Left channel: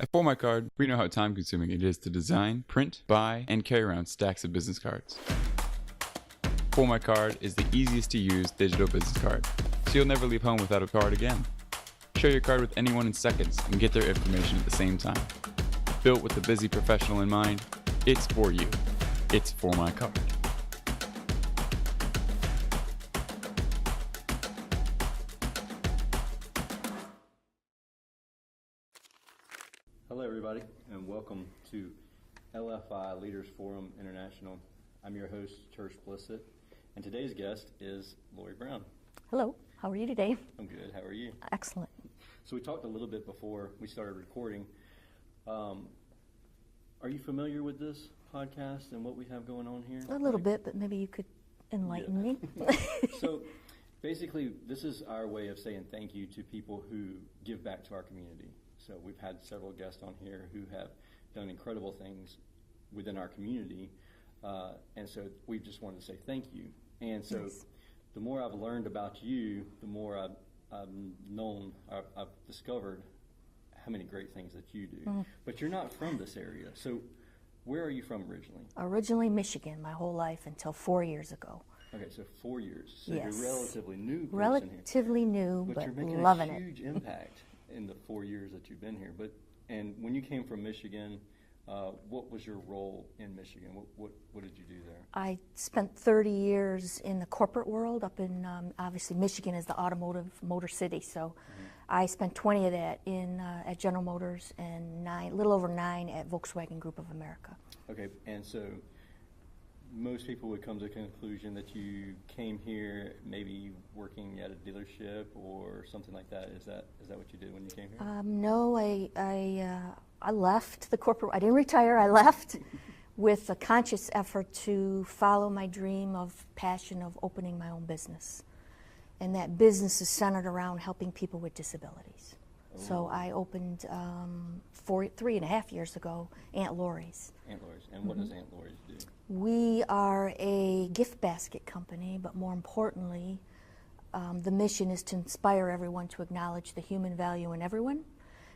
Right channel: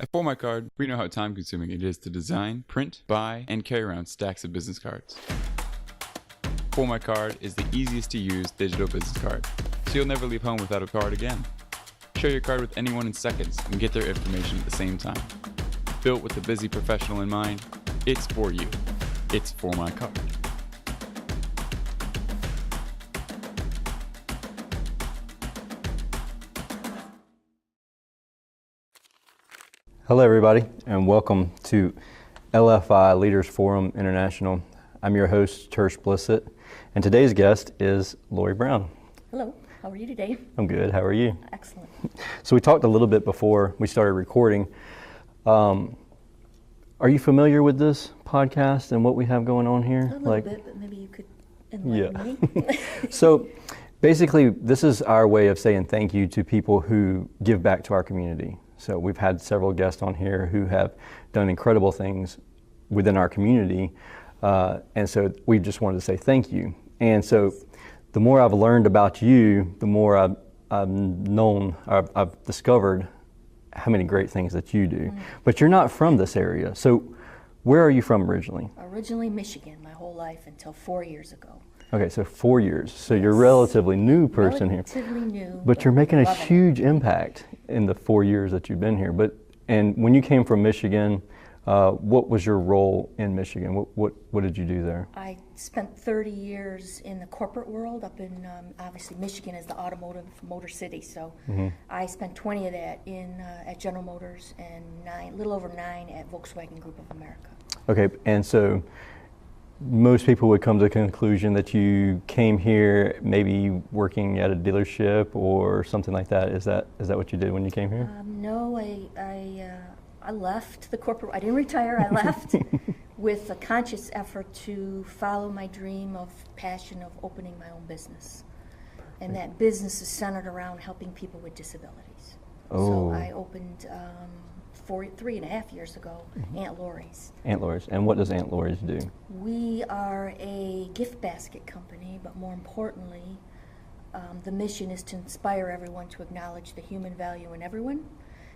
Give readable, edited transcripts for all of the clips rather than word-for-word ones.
At For My Card, we know how time-consuming it is to design, print, buy, and carry around stacks of business cards. For My Card is the easiest to use digital business card, so you'll never leave home without a card again. Share your card with anyone in seconds and get their information at the same time. Built with a busy professional in mind, it's for you. It's For My Card. Hello everybody, and welcome to LFI Leaders Forum International. I'm your host, Tersh Blissett, and today's guest is Laurie Brown. Hello, how are you today? I'm good, how are you? Excellent. So we talked a little bit before we started recording. Are you familiar with this podcast and what we have going on here? A little bit, but maybe you could enlighten me. So basically, this is our way of saying thank you to people who give back to our community. So we've had several guests on here who have done incredible things within our community, and so we just wanted to say thank you. And so the more I've learned about you, the more I've discovered how many great things that you do. Mm-hmm. But you're not from this area, so where are you from originally? Originally Michigan, my whole life until 4 years ago. Okay, so 4 years. So yes. You're a relatively new person here. Relatively new. But you're making a huge impact in the 4 years that you've been here. And when you came from Michigan, what was your role in Michigan? What did you do there? I spent 30 years in the corporate world up in, obviously Michigan is the automotive motor city, so mm-hmm. I spent 20 of that at General Motors and a little over 9 at Volkswagen Group of America. Okay, and so most people would come to the conclusion that you came here maybe working at a dealership or something like that. Is that what you did when you came here? No, I left the corporate. I didn't retire. I left with a conscious effort to follow my dream of passion of opening my own business, and that business is centered around helping people with disabilities. Oh. So I opened 3.5 years ago, mm-hmm. Aunt Laurie's. Aunt Laurie's. And what does Aunt Laurie's do? We are a gift basket company, but more importantly, the mission is to inspire everyone to acknowledge the human value in everyone,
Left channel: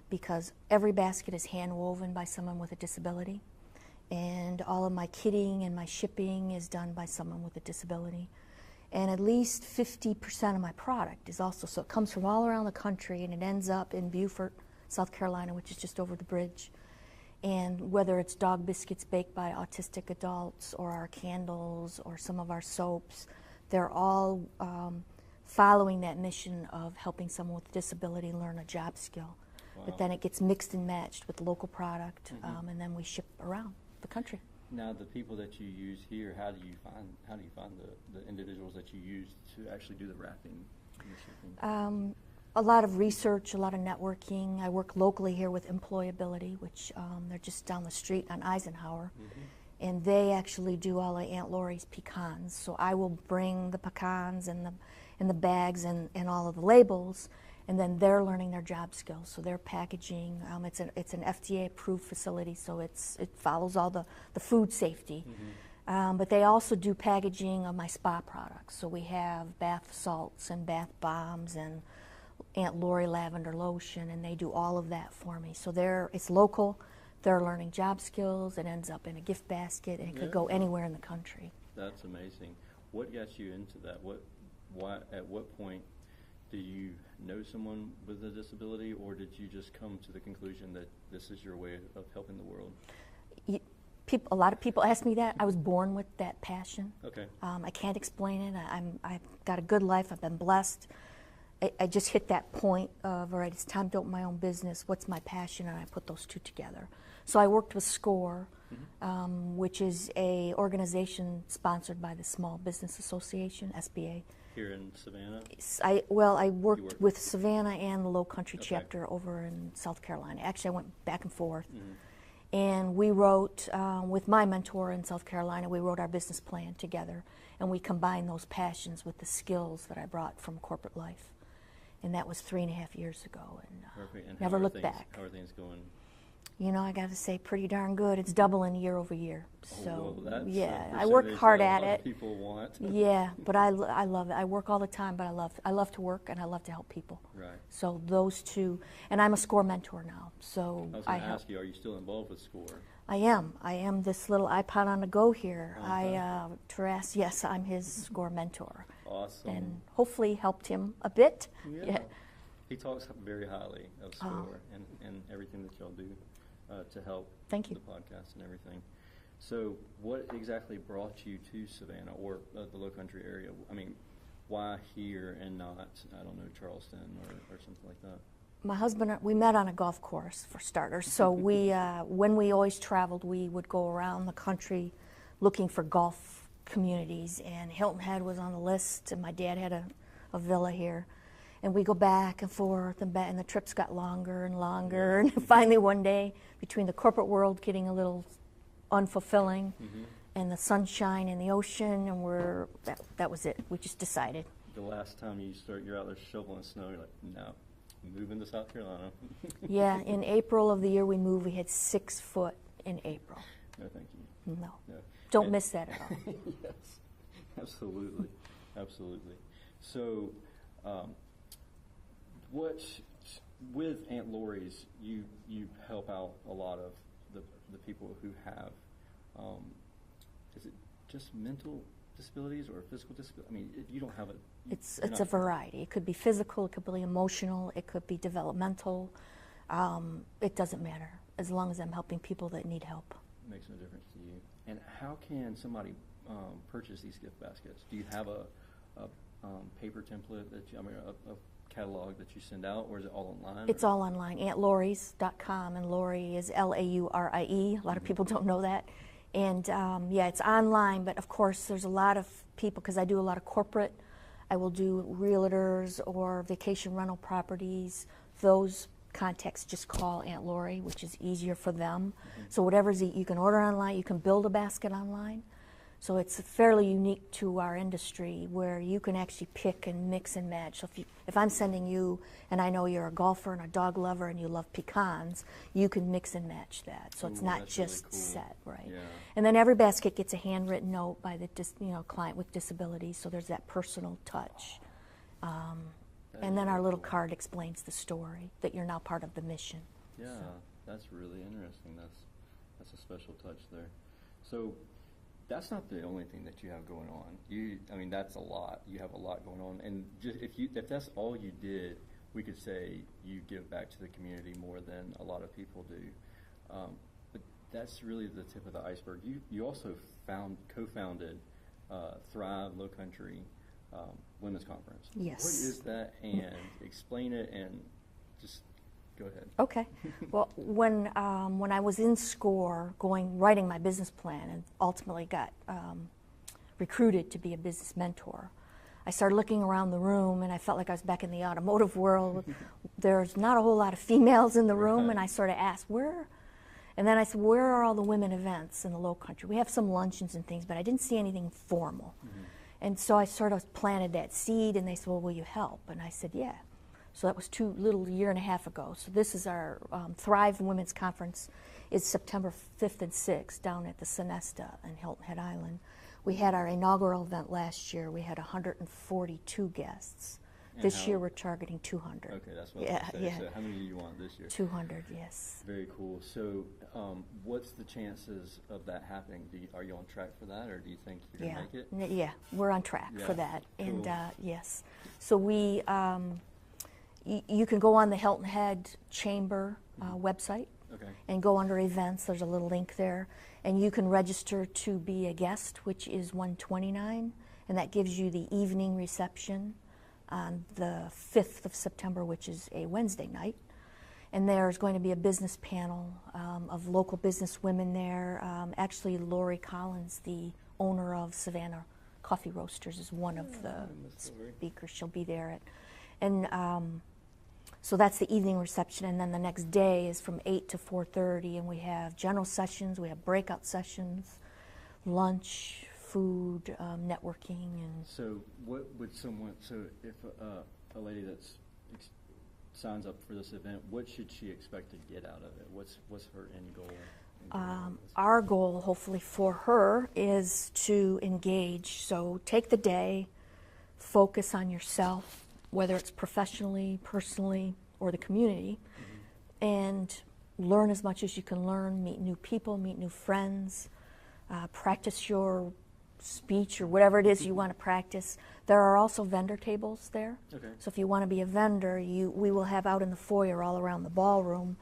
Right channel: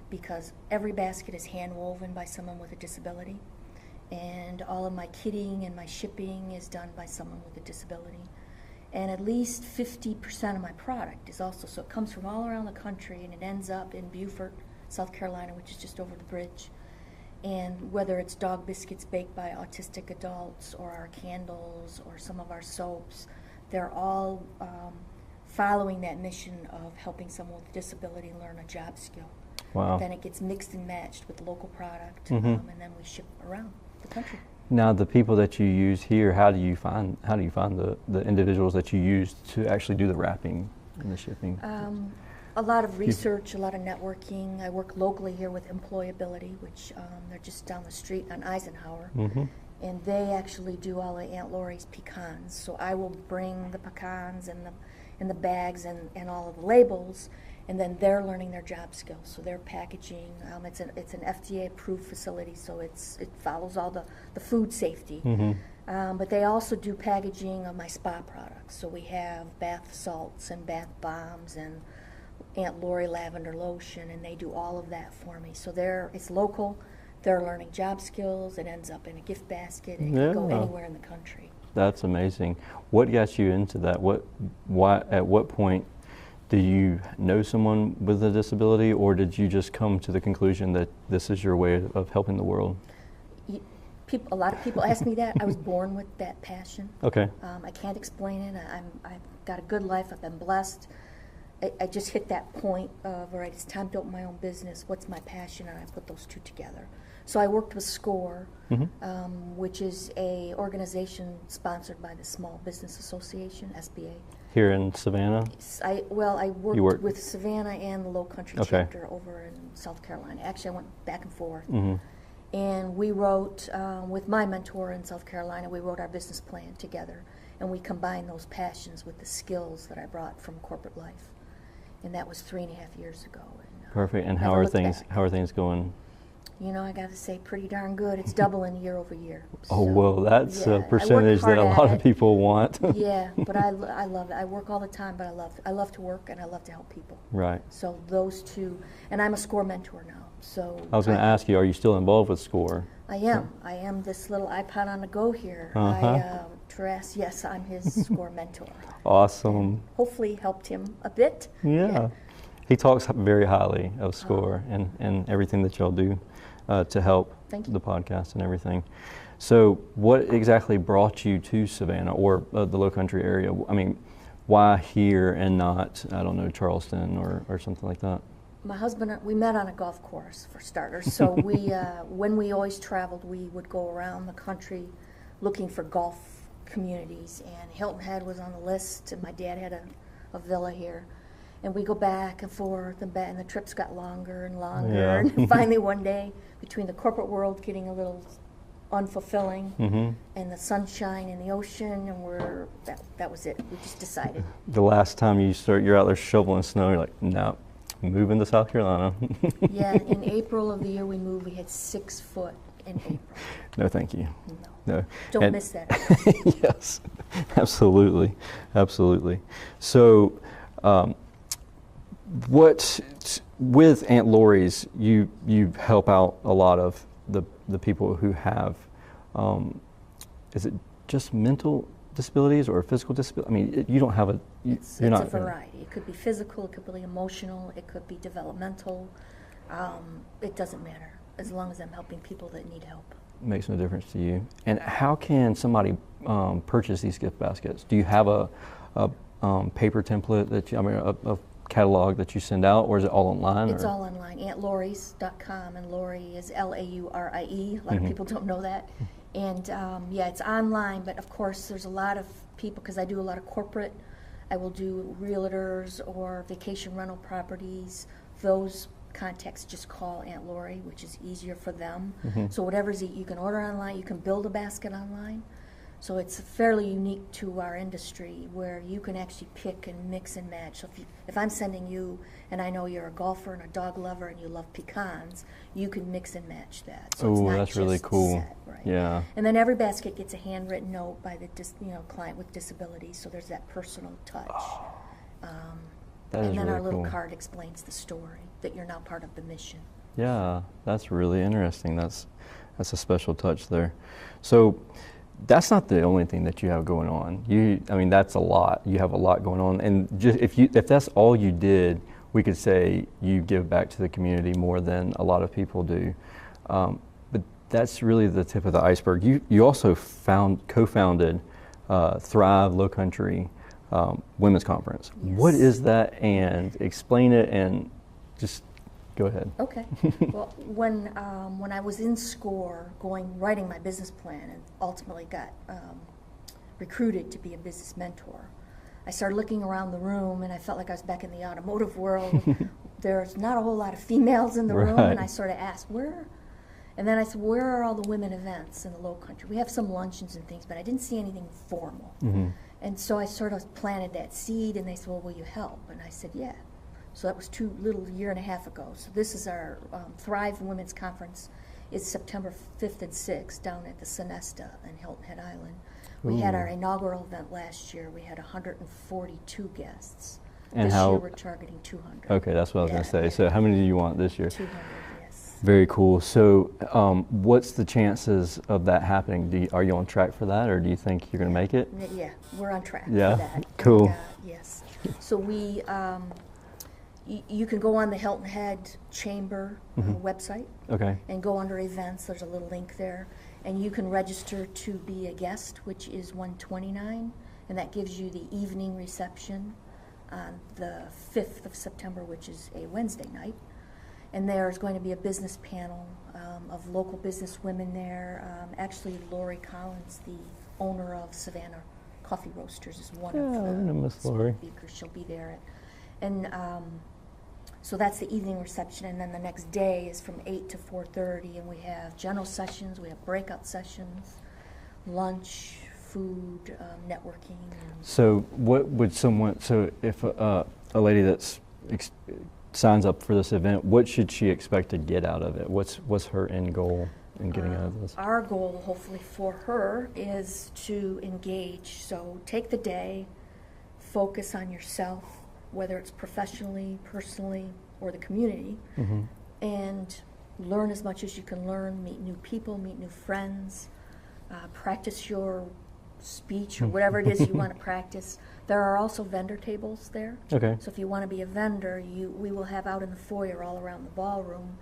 because every basket is hand woven by someone with a disability, and all of my kitting and my shipping is done by someone with a disability. And at least 50% of my product is also, so it comes from all around the country, and it ends up in Beaufort, South Carolina, which is just over the bridge. And whether it's dog biscuits baked by autistic adults or our candles or some of our soaps, they're all following that mission of helping someone with a disability learn a job skill. Wow. But then it gets mixed and matched with local product, mm-hmm. And then we ship around the country. Now, the people that you use here, how do you find the individuals that you use to actually do the wrapping and the shipping? A lot of research, a lot of networking. I work locally here with Employability, which they're just down the street on Eisenhower. Mm-hmm. And they actually do all of Aunt Laurie's pecans. So I will bring the pecans and the bags and all of the labels, and then they're learning their job skills. So they're packaging. It's an FDA-approved facility, so it follows all the food safety. Mm-hmm. But they also do packaging of my spa products. So we have bath salts and bath bombs and Aunt Laurie lavender lotion, and they do all of that for me. So it's local. They're learning job skills. It ends up in a gift basket. It can go anywhere in the country. That's amazing. What got you into that? At what point do you know someone with a disability, or did you just come to the conclusion that this is your way of helping the world? A lot of people ask me that. I was born with that passion. Okay. I can't explain it. I've got a good life. I've been blessed. I just hit that point of, all right, it's time to open my own business. What's my passion? And I put those two together. So I worked with SCORE, mm-hmm. Which is a organization sponsored by the Small Business Association, SBA. Here in Savannah? I worked with Savannah and the Lowcountry chapter over in South Carolina. Actually, I went back and forth. Mm-hmm. And we wrote, with my mentor in South Carolina, we wrote our business plan together. And we combined those passions with the skills that I brought from corporate life. And that was 3.5 years ago. And, perfect. And how are things going? You know, I got to say, pretty darn good. It's doubling year over year. Oh, so, well, that's a percentage that a lot of people want. Yeah, but I love it. I work all the time, but I love to work and I love to help people. Right. So those two, and I'm a SCORE mentor now. So I was going to ask you, are you still involved with SCORE? I am this little iPod on the go here. Yes, I'm his SCORE mentor. Awesome. And hopefully helped him a bit. Yeah. He talks very highly of SCORE and everything that y'all do to help the podcast and everything. So what exactly brought you to Savannah or the Lowcountry area? I mean, why here and not, I don't know, Charleston or something like that? My husband, we met on a golf course for starters. So when we always traveled, we would go around the country looking for golf communities. And Hilton Head was on the list, and my dad had a villa here. And we go back and forth, and the trips got longer and longer. Yeah. And finally one day, between the corporate world getting a little unfulfilling and the sunshine and the ocean, and that was it. We just decided. The last time you're out there shoveling snow, you're like, no, moving to South Carolina. Yeah, in April of the year we moved, we had 6 foot in April. No, thank you. No. Don't miss that. Yes, absolutely. So, with Aunt Laurie's, you help out a lot of the people who have, is it just mental disabilities or physical disability? I mean, you don't have a. It's a variety. It could be physical, it could be emotional, it could be developmental. It doesn't matter as long as I'm helping people that need help. Makes no difference to you. And how can somebody purchase these gift baskets? Do you have a paper template a catalog that you send out, or is it all online? It's all online. AuntLaurie's.com, and Laurie is Laurie. A lot of people don't know that. And it's online, but of course there's a lot of people, because I do a lot of corporate. I will do realtors or vacation rental properties. Those contacts just call Aunt Laurie, which is easier for them. So whatever's you can order online, you can build a basket online. So it's fairly unique to our industry, where you can actually pick and mix and match. So if I'm sending you, and I know you're a golfer and a dog lover and you love pecans, you can mix and match that. So it's not that's just really cool. set, right? Yeah. And then every basket gets a handwritten note by the client with disabilities, so there's that personal touch. And then our little card explains the story, that you're now part of the mission. Yeah, that's really interesting. That's a special touch there. So that's not the only thing that you have going on. That's a lot. You have a lot going on, and just if that's all you did, we could say you give back to the community more than a lot of people do. But that's really the tip of the iceberg. You also co-founded Thrive Lowcountry Women's Conference. Yes. What is that? And explain it, and just go ahead. Okay. Well, when I was in SCORE, writing my business plan, and ultimately got recruited to be a business mentor, I started looking around the room, and I felt like I was back in the automotive world. There's not a whole lot of females in the room, and I sort of asked, where? And then I said, where are all the women events in the Lowcountry? We have some luncheons and things, but I didn't see anything formal. And so I sort of planted that seed, and they said, well, will you help? And I said, yeah. So that was a year and a half ago. So this is our Thrive Women's Conference. It's September 5th and 6th down at the Sonesta in Hilton Head Island. We had our inaugural event last year. We had 142 guests. And this year we're targeting 200. Okay, that's what I was going to say. So how many do you want this year? 200, yes. Very cool. So what's the chances of that happening? Are you on track for that, or do you think you're going to make it? Yeah, we're on track for Yeah, that. cool. And, yes. So we, you can go on the Hilton Head Chamber website. Okay. And go under events. There's a little link there. And you can register to be a guest, which is $129, and that gives you the evening reception on the 5th of September, which is a Wednesday night. And there's going to be a business panel of local business women there. Actually, Laurie Collins, the owner of Savannah Coffee Roasters, is one of the speakers. She'll be there. So that's the evening reception, and then the next day is from 8 to 4:30, and we have general sessions, we have breakout sessions, lunch, food, networking. So what would if a lady that's signs up for this event, what should she expect to get out of it? What's her end goal in getting out of this? Our goal, hopefully for her, is to engage. So take the day, focus on yourself, whether it's professionally, personally, or the community, and learn as much as you can learn, meet new people, meet new friends, practice your speech or whatever it is you want to practice. There are also vendor tables there. Okay. So if you want to be a vendor, we will have out in the foyer all around the ballroom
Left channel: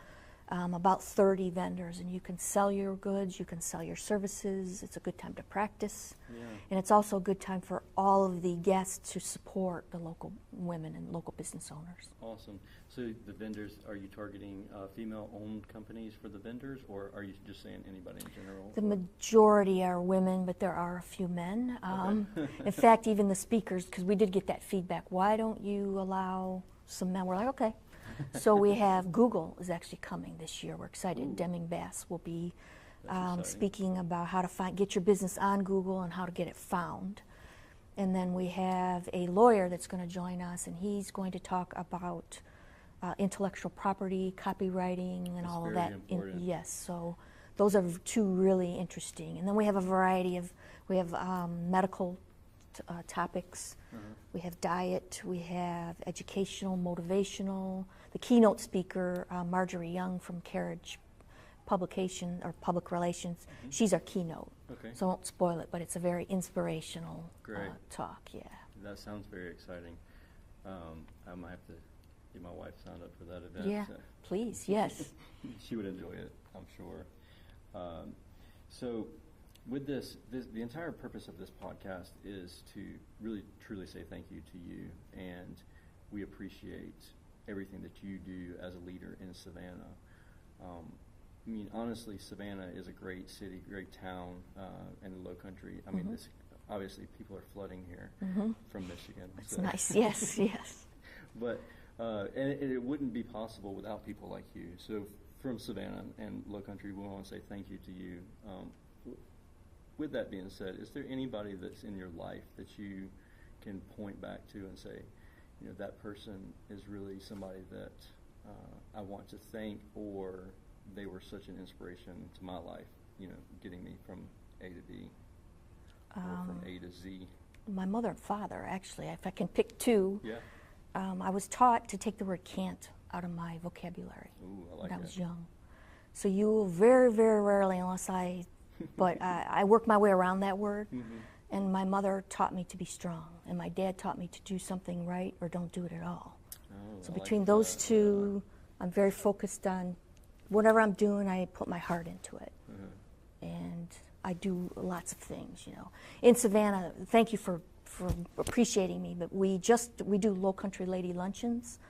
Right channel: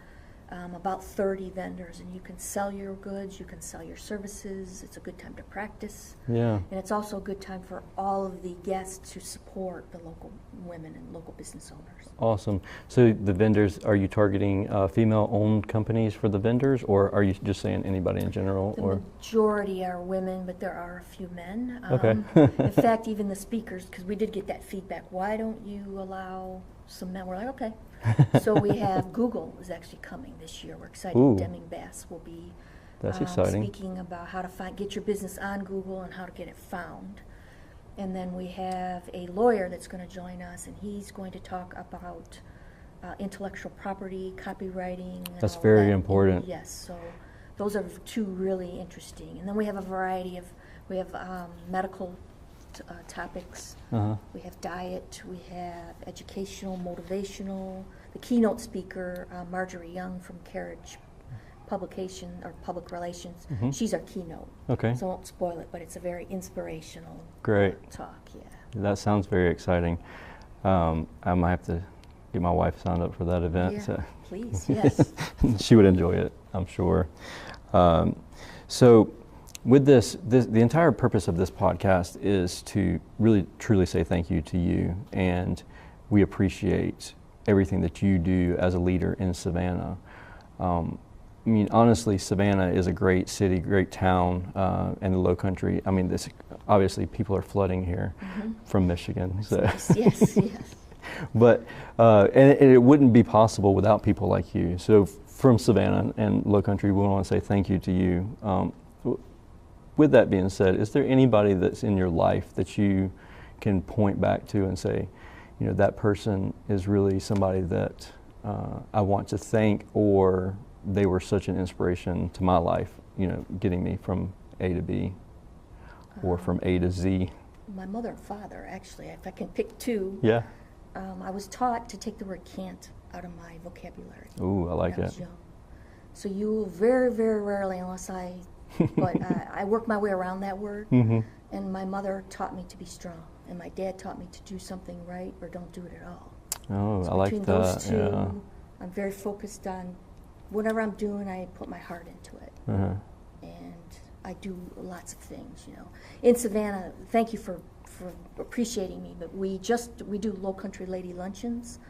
about 30 vendors, and you can sell your goods, you can sell your services. It's a good time to practice. Yeah. And it's also a good time for all of the guests to support the local women and local business owners. Awesome. So the vendors, are you targeting female-owned companies for the vendors, or are you just saying anybody in general? The or? majority are women, but there are a few men. Okay. In fact, even the speakers, because we did get that feedback, why don't you allow some men? We're like, okay. So we have Google is actually coming this year. We're excited. Ooh. Deming Bass will be That's exciting. speaking about how to get your business on Google and how to get it found. And then we have a lawyer that's going to join us, and he's going to talk about intellectual property, copywriting. And That's all very that. important. And yes, so those are two really interesting. And then we have a variety of, medical topics. Uh-huh. We have diet, we have educational, motivational. The keynote speaker, Marjorie Young from Carriage Publication or Public Relations, she's our keynote. Okay. So I won't spoil it, but it's a very inspirational Great. talk, yeah. That sounds very exciting. I might have to get my wife signed up for that event. Yeah, So. please, yes. She would enjoy it, I'm sure. So with this, the entire purpose of this podcast is to really truly say thank you to you, and we appreciate everything that you do as a leader in Savannah. I mean, honestly, Savannah is a great city, great town, and the Lowcountry. I mean, obviously people are flooding here from Michigan. So. Nice. Yes, yes. But and it wouldn't be possible without people like you. So from Savannah and Lowcountry, we want to say thank you to you. With that being said, is there anybody that's in your life that you can point back to and say, you know, that person is really somebody that I want to thank, or they were such an inspiration to my life, you know, getting me from A to B or from A to Z? My mother and father, actually, if I can pick two. Yeah. I was taught to take the word can't out of my vocabulary. Ooh, I like when I was that. young. So you will very, very rarely, unless but I worked my way around that word. And my mother taught me to be strong, and my dad taught me to do something right or don't do it at all. Oh, So I like between that. those two, I'm very focused on whatever I'm doing. I put my heart into it, and I do lots of things. You know, in Savannah, thank you for appreciating me. But we do Lowcountry Lady Luncheons,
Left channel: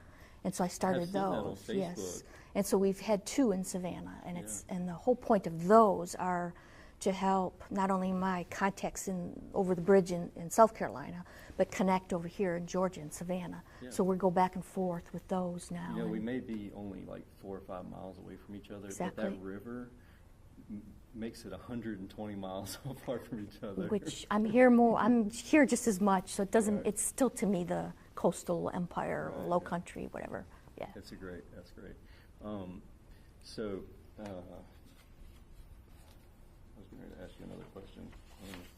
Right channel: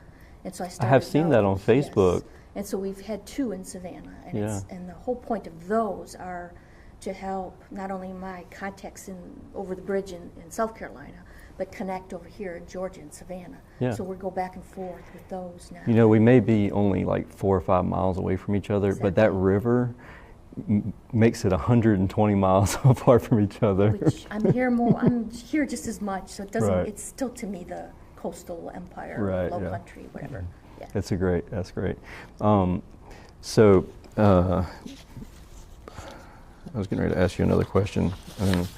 and so I started. I have seen that on those, Facebook. yes. And so we've had two in Savannah, and and the whole point of those are to help not only my contacts over the bridge in South Carolina, but connect over here in Georgia and Savannah. Yeah. So we go back and forth with those now. You know, we may be only like 4 or 5 miles away from each other, but that Exactly. river makes it 120 miles apart from each other. Which I'm here just as much, so it doesn't. Right. It's still to me the coastal empire, Right, low yeah. country, whatever. Yeah. That's great. I was getting ready to ask you another question, and then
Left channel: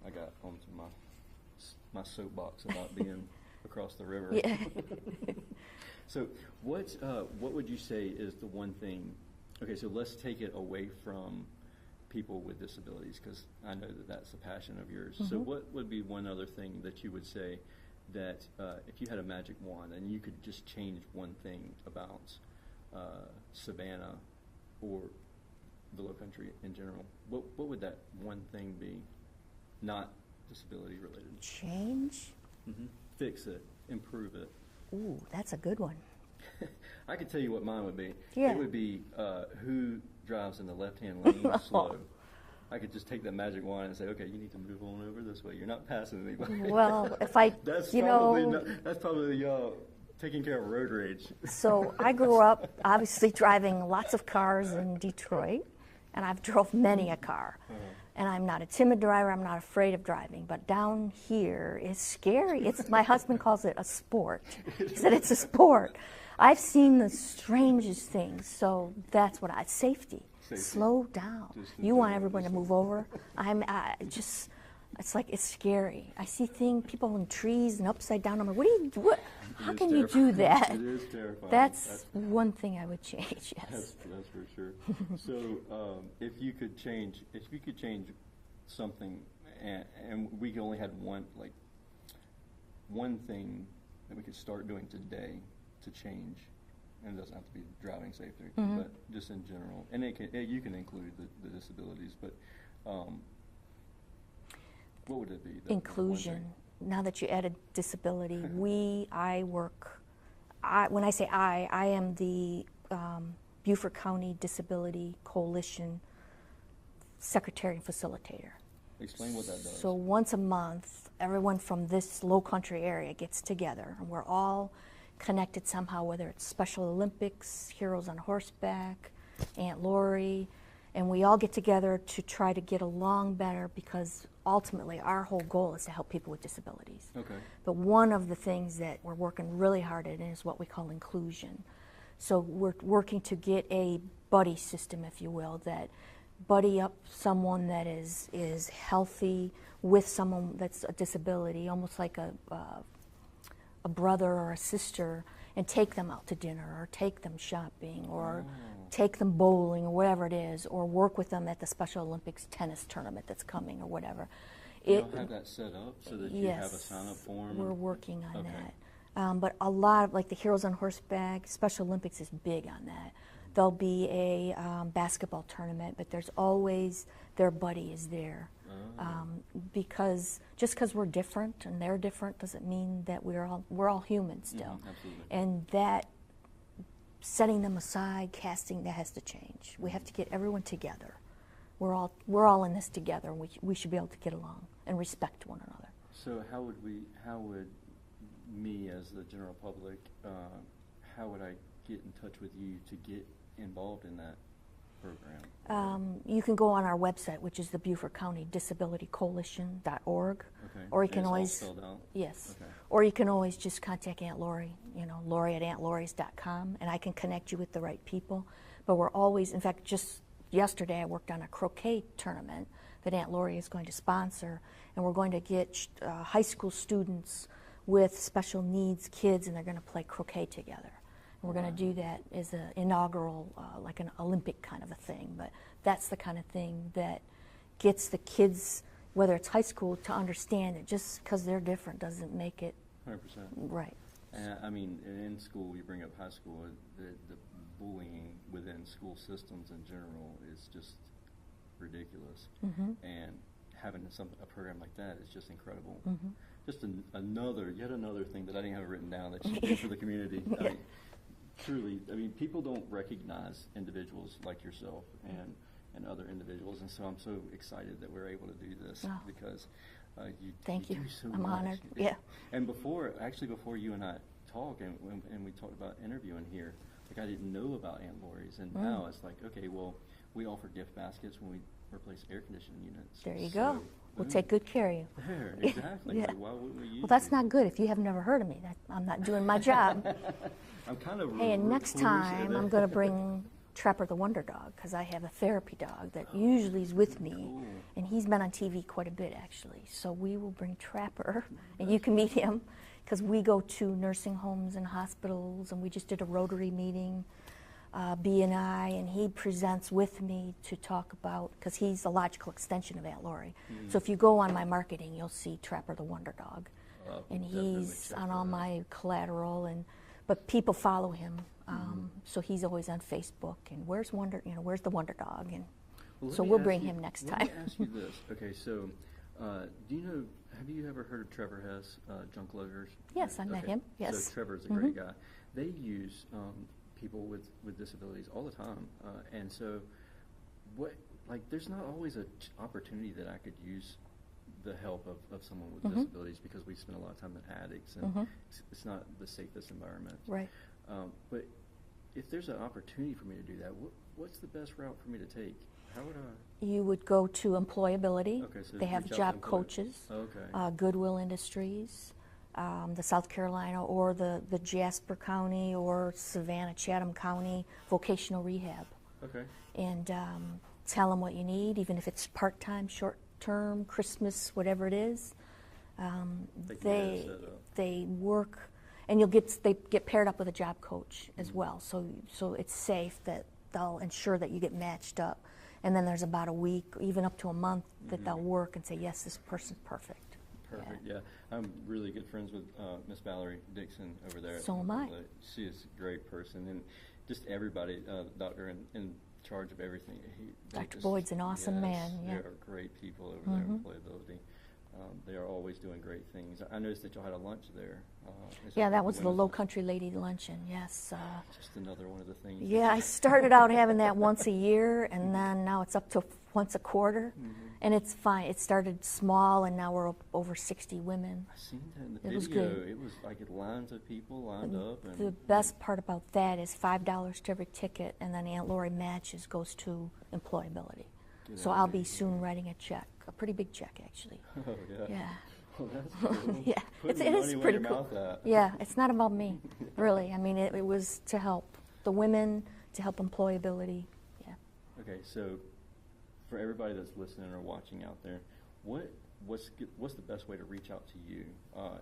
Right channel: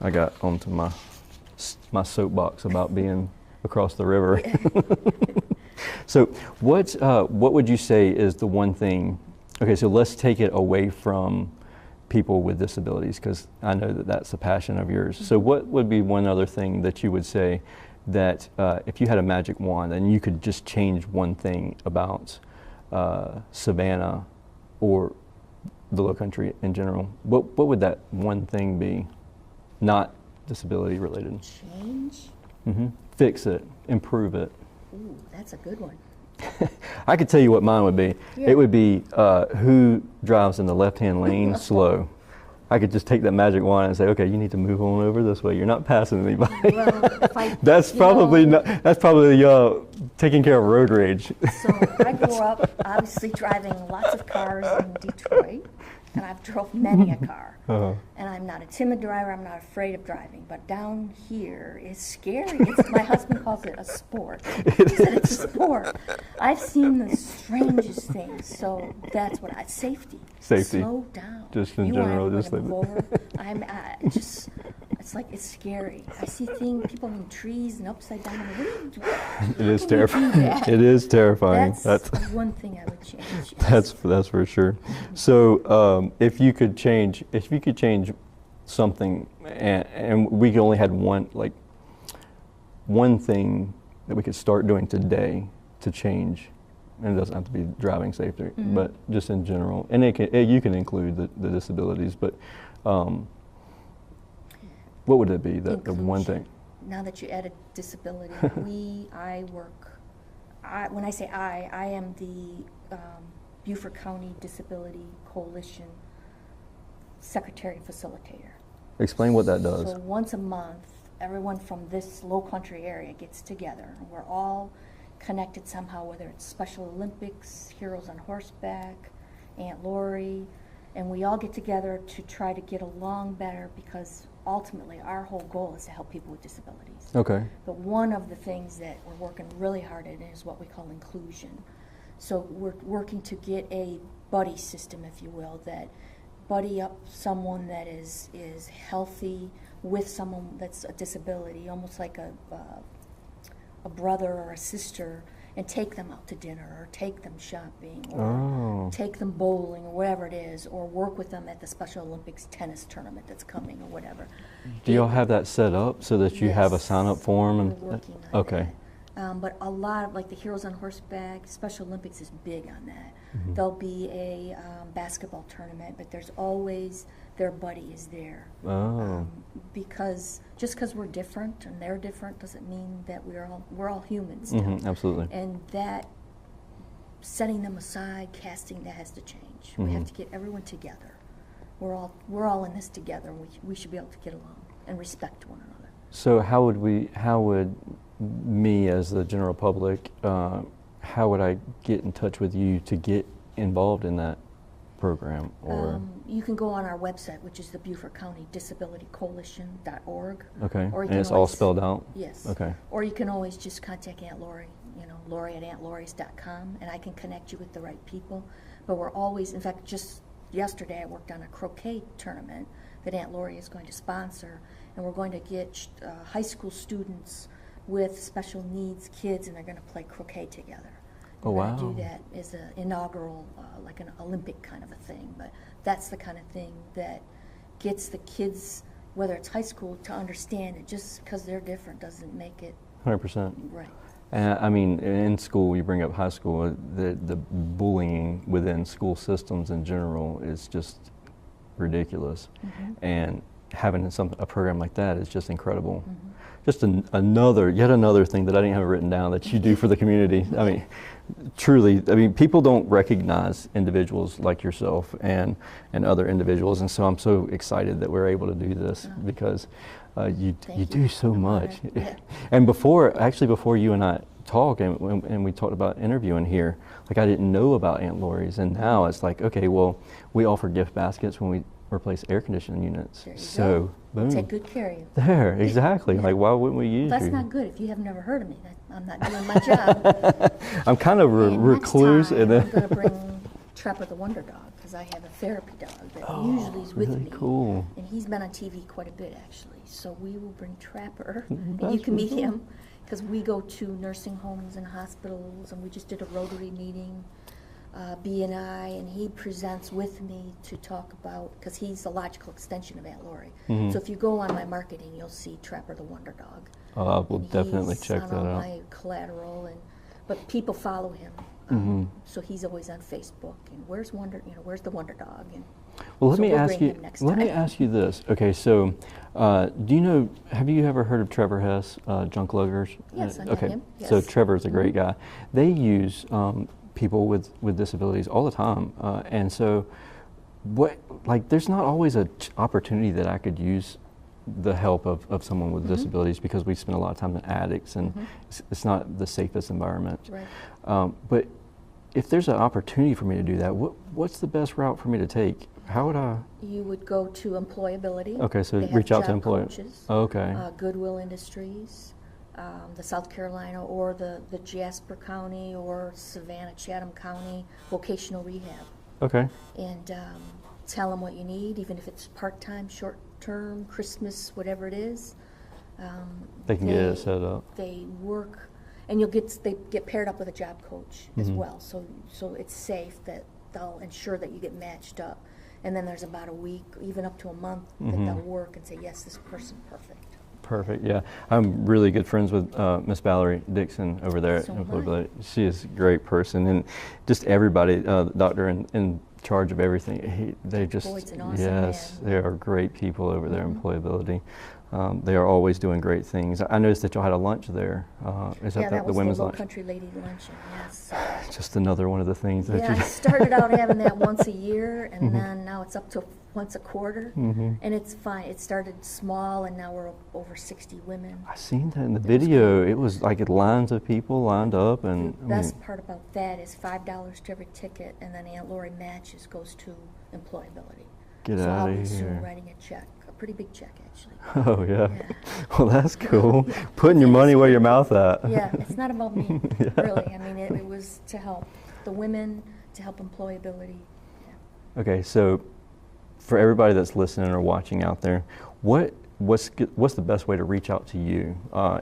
I got onto my soapbox about being across the river. So what would you say is the one thing? Okay, so let's take it away from people with disabilities, because I know that that's a passion of yours. So what would be one other thing that you would say that if you had a magic wand and you could just change one thing about Savannah or the Lowcountry in general, what would that one thing be, not disability related? Change? Fix it, improve it. Ooh, that's a good one. I could tell you what mine would be. Yeah. It would be who drives in the left-hand lane slow. I could just take that magic wand and say, okay, you need to move on over this way. You're not passing anybody. Well, if I That's probably taking care of road rage. So I grew up obviously driving lots of cars in Detroit, and I've drove many a car. And I'm not a timid driver, I'm not afraid of driving, but down here is scary. My husband calls it a sport. He said it's a sport. I've seen the strangest things, so that's what safety. Safety. Slow down. Just in you general, want just everyone to move over. It's like, it's scary. I see people in trees and upside down. I'm like, what are you doing? It is How can you do terrifying. that? It is terrifying. That's one thing I would change. Yes. That's for sure. So if you could change something, and we only had one thing that we could start doing today to change, and it doesn't have to be driving safety, but just in general, and you can include the disabilities, but what would it be, the one thing? Now that you added disability, when I say I am the Beaufort County Disability Coalition Secretary Facilitator. Explain what that does. So once a month, everyone from this Lowcountry area gets together. We're all connected somehow, whether it's Special Olympics, Heroes on Horseback, Aunt Laurie, and we all get together to try to get along better, because ultimately our whole goal is to help people with disabilities. Okay. But one of the things that we're working really hard at is what we call inclusion. So we're working to get a buddy system, if you will, that buddy up someone that is healthy with someone that's a disability, almost like a brother or a sister, and take them out to dinner, or take them shopping, or take them bowling, or whatever it is, or work with them at the Special Olympics tennis tournament that's coming, or whatever. Do y'all have that set up so that you have a sign-up form? We're working on that. But a lot of, like the Heroes on Horseback, Special Olympics is big on that. There'll be a basketball tournament, but there's always their buddy is there. Because just because we're different and they're different doesn't mean that we're all humans still. Absolutely. And that setting them aside, casting, that has to change. We have to get everyone together. We're all in this together, and we should be able to get along and respect one another. So how would me as the general public, how would I get in touch with you to get involved in that program? Or you can go on our website, which is the Beaufort County Disability Coalition.org. Okay, Or you and can it's all spelled out? Yes. Okay. Or you can always just contact Aunt Laurie, Laurie@AuntLauries.com, and I can connect you with the right people. But we're always, in fact, just yesterday I worked on a croquet tournament that Aunt Laurie is going to sponsor, and we're going to get high school students with special needs kids, and they're going to play croquet together. We're going to do that as an inaugural, like an Olympic kind of a thing. But that's the kind of thing that gets the kids, whether it's high school, to understand that just because they're different doesn't make it 100%. right. I mean, in school, you bring up high school, the bullying within school systems in general is just ridiculous. And having a program like that is just incredible. Just yet another thing that I didn't have written down that you do for the community. I mean, truly, people don't recognize individuals like yourself and other individuals, and so I'm so excited that we're able to do this because you do so much. Yeah. And before you and I talked, and we talked about interviewing here, like I didn't know about Aunt Laurie's, and now it's like, okay, well, we offer gift baskets when we replace air conditioning units. There you so, go. boom. We'll take good care of you. There, exactly. Yeah. Like, why wouldn't we use you? That's not good if you have never heard of me. I'm not doing my job. I'm kind of recluse. Next time, I'm going to bring Trapper the Wonder Dog, because I have a therapy dog that usually is with me. Cool. And he's been on TV quite a bit, actually. So we will bring Trapper, and you can meet him, because we go to nursing homes and hospitals, and we just did a Rotary meeting, B&I, and he presents with me to talk about, because he's a logical extension of Aunt Laurie. So if you go on my marketing, you'll see Trapper the Wonder Dog. Oh, I will definitely he's check on that all out. my collateral, but people follow him, so he's always on Facebook. And where's where's the Wonder Dog? And Well, so we'll bring him next let me time. ask you this. Okay, so have you ever heard of Trevor Hess, Junk Luggers? Yes, I know okay. him. Yes. So Trevor's a great guy. They use people with disabilities all the time, and so there's not always an opportunity that I could use the help of someone with disabilities, because we spend a lot of time in addicts, and it's not the safest environment. Right. But if there's an opportunity for me to do that, what's the best route for me to take? How would I? You would go to employability. Okay, so They have reach out to job employers. coaches, Okay. Goodwill Industries, the South Carolina, or the Jasper County, or Savannah, Chatham County Vocational Rehab. Okay. And tell them what you need, even if it's part-time, short term, Christmas, whatever it is. They can get it set up. They work, and they get paired up with a job coach as well. So it's safe that they'll ensure that you get matched up. And then there's about a week, even up to a month, that they'll work and say, yes, this person's perfect. Perfect, yeah. I'm really good friends with Miss Valerie Dixon over there at Employability. She is a great person, and just everybody, the doctor in charge of everything. They just, Boyd's an awesome man. they are great people over there in Employability. They are always doing great things. I noticed that y'all had a lunch there. Is that the was women's the lunch? Lowcountry Lady Luncheon, yes. Just another one of the things that Yeah, I started out having that once a year, and then now it's up to once a quarter, and it's fine. It started small, and now we're over 60 women. I seen that in the video. It was like lines of people lined up, The and best part about that is $5 to every ticket, and then Aunt Laurie matches goes to Employability. Get So out I'll of be here. soon writing a check, a pretty big check actually. Oh yeah. Yeah. Well, that's cool. Yeah. Putting your It money is where your pretty mouth at. Yeah, it's not about me, really. I mean, it was to help the women, to help Employability. Yeah. Okay, so for everybody that's listening or watching out there, what's the best way to reach out to you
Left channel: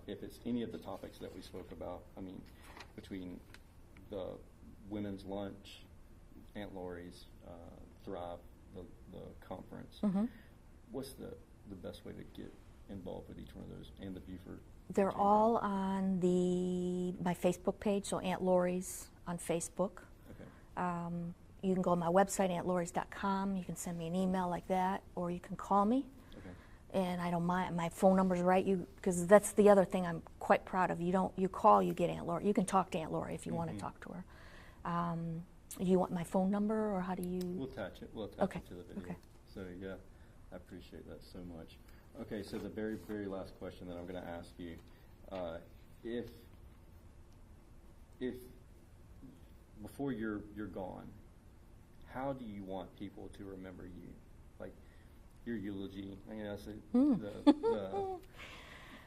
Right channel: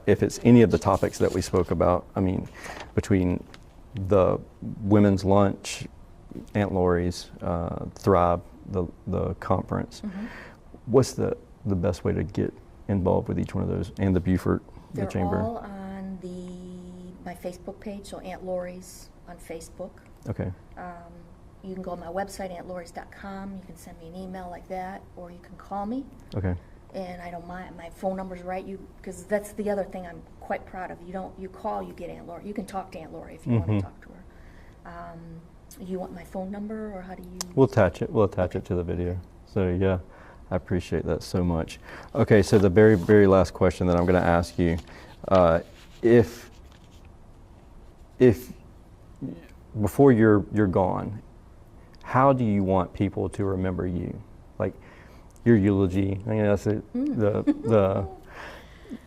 if it's any of the topics that we spoke about? I mean, between the women's lunch, Aunt Laurie's, Thrive, the conference, what's the best way to get involved with each one of those, and the Beaufort, the They're Chamber? all on my Facebook page, so Aunt Laurie's on Facebook. Okay. You can go to my website, auntlaurie's.com. You can send me an email like that, or you can call me. Okay. And I don't mind. My phone number's right. Because that's the other thing I'm quite proud of. You call, you get Aunt Laurie. You can talk to Aunt Laurie if you want to talk to her. You want my phone number, or how do you? We'll attach it. We'll attach it to the video. So yeah, I appreciate that so much. Okay, so the very, very last question that I'm going to ask you, if before you're gone, how do you want people to remember you? Like your eulogy. I mean, that's the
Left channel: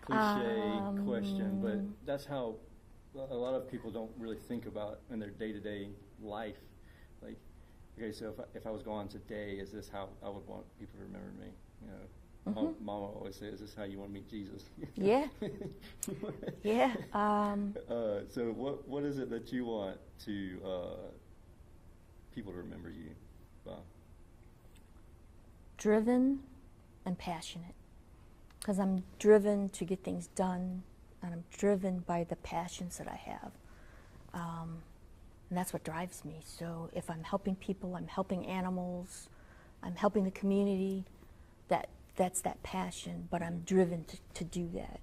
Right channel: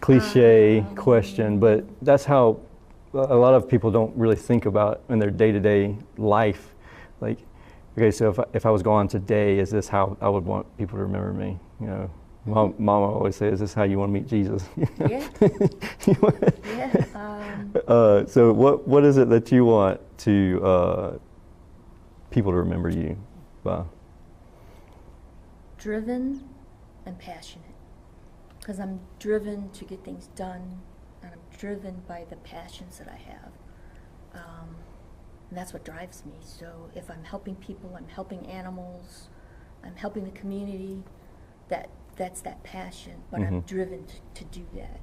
cliche question, but that's how a lot of people don't really think about in their day-to-day life. Like, okay, so if I was gone today, is this how I would want people to remember me? You know, Mama always says, "Is this how you want to meet Jesus?" Yeah. So what is it that you want to people to remember you by? Driven and passionate. Because I'm driven to get things done, and I'm driven by the passions that I have. And that's what drives me. So if I'm helping people, I'm helping animals, I'm helping the community, that's that passion, but I'm driven to do that.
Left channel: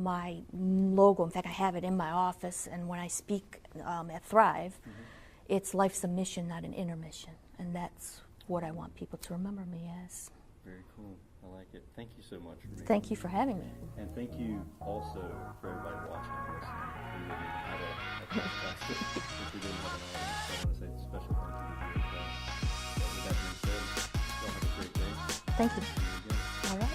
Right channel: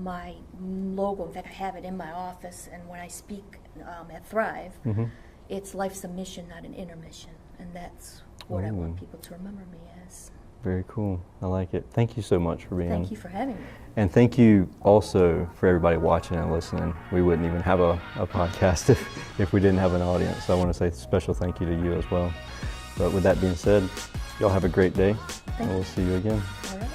My logo, in fact, I have it in my office, and when I speak at Thrive, it's life's a mission, not an intermission, and that's what I want people to remember me as. Very cool. I like it. Thank you so much for being Thank you for having me. And thank you also for everybody watching and listening. We wouldn't even have a podcast if we didn't have an audience. So I want to say a special thank you to you as well. But with that being said, y'all have a great day, and we'll see you again. All right.